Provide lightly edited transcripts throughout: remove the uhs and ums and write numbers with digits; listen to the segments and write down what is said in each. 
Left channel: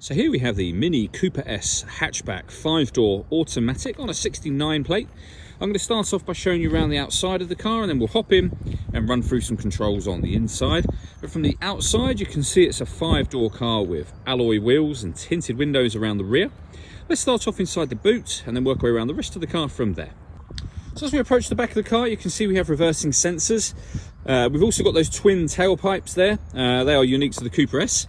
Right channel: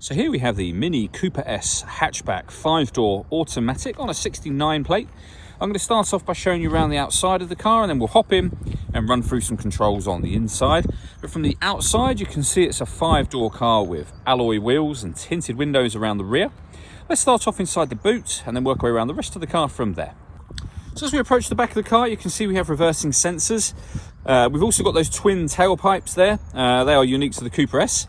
So here we have the Mini Cooper S hatchback 5-door automatic on a 69 plate. I'm going to start off by showing you around the outside of the car, and then we'll hop in and run through some controls on the inside. But from the outside, you can see it's a 5-door car with alloy wheels and tinted windows around the rear. Let's start off inside the boot and then work our way around the rest of the car from there. So as we approach the back of the car, you can see we have reversing sensors. We've also got those twin tailpipes there. They are unique to the Cooper S.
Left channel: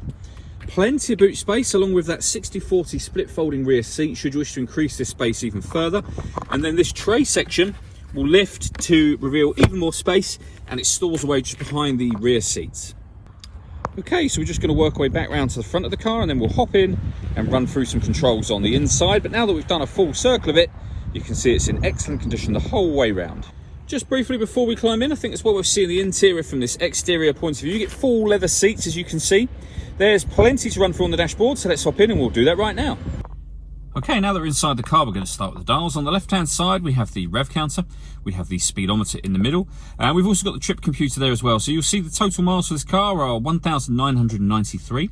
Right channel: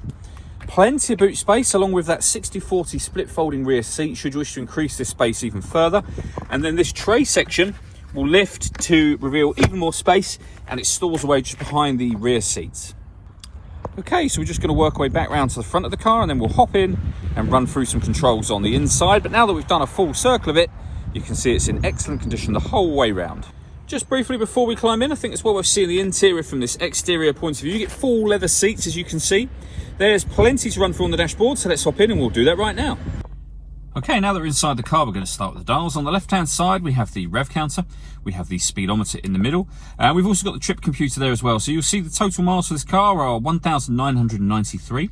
Plenty of boot space, along with that 60/40 split folding rear seat should you wish to increase this space even further. And then this tray section will lift to reveal even more space, and it stores away just behind the rear seats. Okay, so we're just going to work our way back round to the front of the car, and then we'll hop in and run through some controls on the inside. But now that we've done a full circle of it, you can see it's in excellent condition the whole way round. Just briefly before we climb in, I think it's well worth seeing the interior from this exterior point of view. You get full leather seats, as you can see. There's plenty to run through on the dashboard, so let's hop in and we'll do that right now. Okay, now that we're inside the car, we're going to start with the dials. On the left-hand side, we have the rev counter. We have the speedometer in the middle. We've also got the trip computer there as well. So you'll see the total miles for this car are 1,993.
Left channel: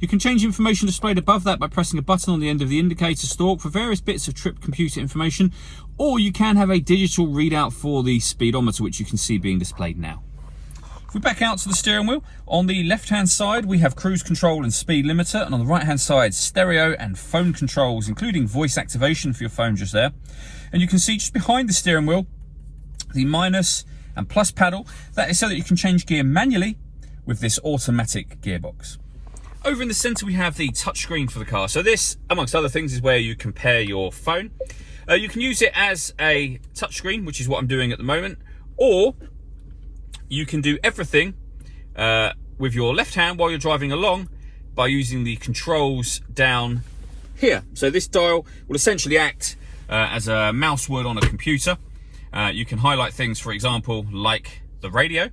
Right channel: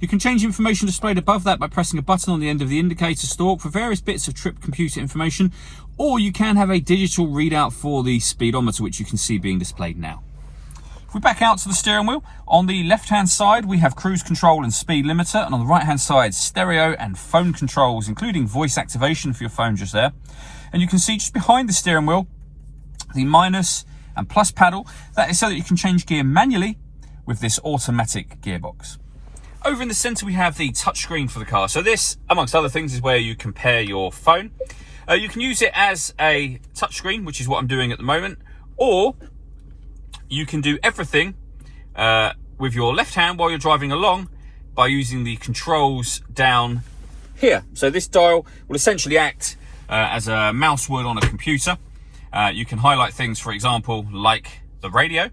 You can change information displayed above that by pressing a button on the end of the indicator stalk for various bits of trip computer information, or you can have a digital readout for the speedometer, which you can see being displayed now. If we back out to the steering wheel, on the left-hand side, we have cruise control and speed limiter, and on the right-hand side, stereo and phone controls, including voice activation for your phone just there. And you can see just behind the steering wheel, the minus and plus paddle. That is so that you can change gear manually with this automatic gearbox. Over in the center, we have the touchscreen for the car. So this, amongst other things, is where you compare your phone. You can use it as a touchscreen, which is what I'm doing at the moment, or you can do everything with your left hand while you're driving along by using the controls down here. So this dial will essentially act as a mouse would on a computer. You can highlight things, for example, like the radio.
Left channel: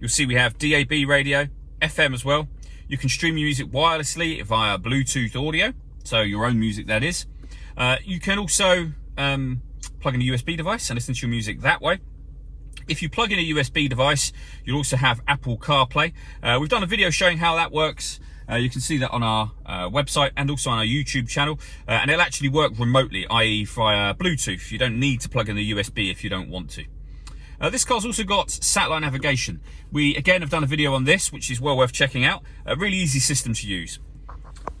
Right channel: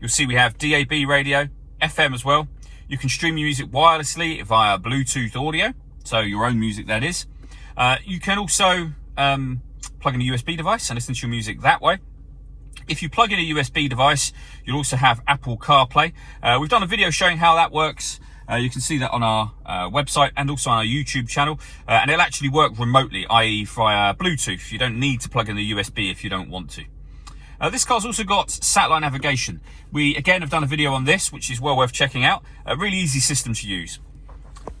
You'll see we have DAB radio, FM as well. You can stream music wirelessly via Bluetooth audio, so your own music that is. You can also plug in a USB device and listen to your music that way. If you plug in a USB device, you'll also have Apple CarPlay. We've done a video showing how that works. You can see that on our website and also on our YouTube channel. And it'll actually work remotely, i.e. via Bluetooth. You don't need to plug in a USB if you don't want to. This car's also got satellite navigation. We, again, have done a video on this, which is well worth checking out. A really easy system to use.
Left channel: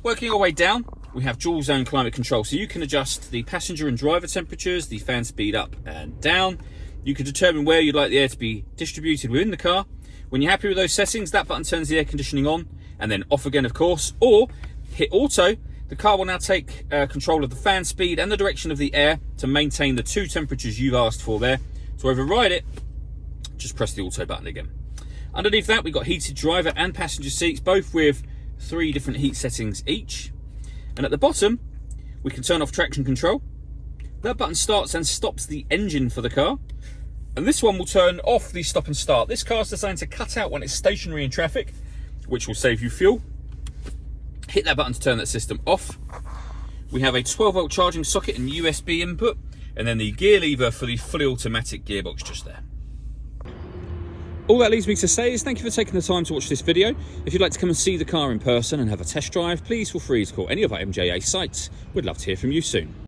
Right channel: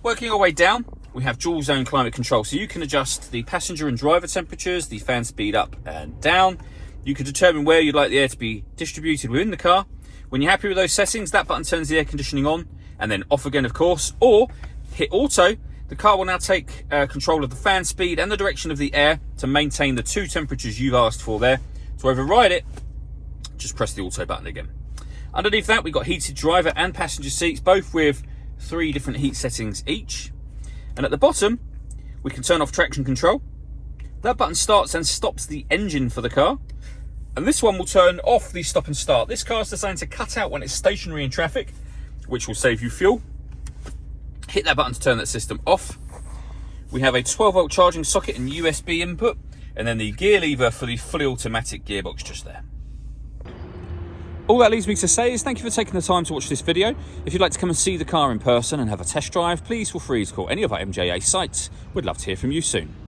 Working our way down, we have dual zone climate control. So you can adjust the passenger and driver temperatures, the fan speed up and down. You can determine where you'd like the air to be distributed within the car. When you're happy with those settings, that button turns the air conditioning on and then off again, of course, or hit auto. The car will now take control of the fan speed and the direction of the air to maintain the two temperatures you've asked for there. To override it, just press the auto button again. Underneath that, we've got heated driver and passenger seats, both with 3 different heat settings each. And at the bottom, we can turn off traction control. That button starts and stops the engine for the car. And this one will turn off the stop and start. This car is designed to cut out when it's stationary in traffic, which will save you fuel. Hit that button to turn that system off. We have a 12-volt charging socket and USB input, and then the gear lever for the fully automatic gearbox just there. All that leaves me to say is thank you for taking the time to watch this video. If you'd like to come and see the car in person and have a test drive, please feel free to call any of our MJA sites. We'd love to hear from you soon.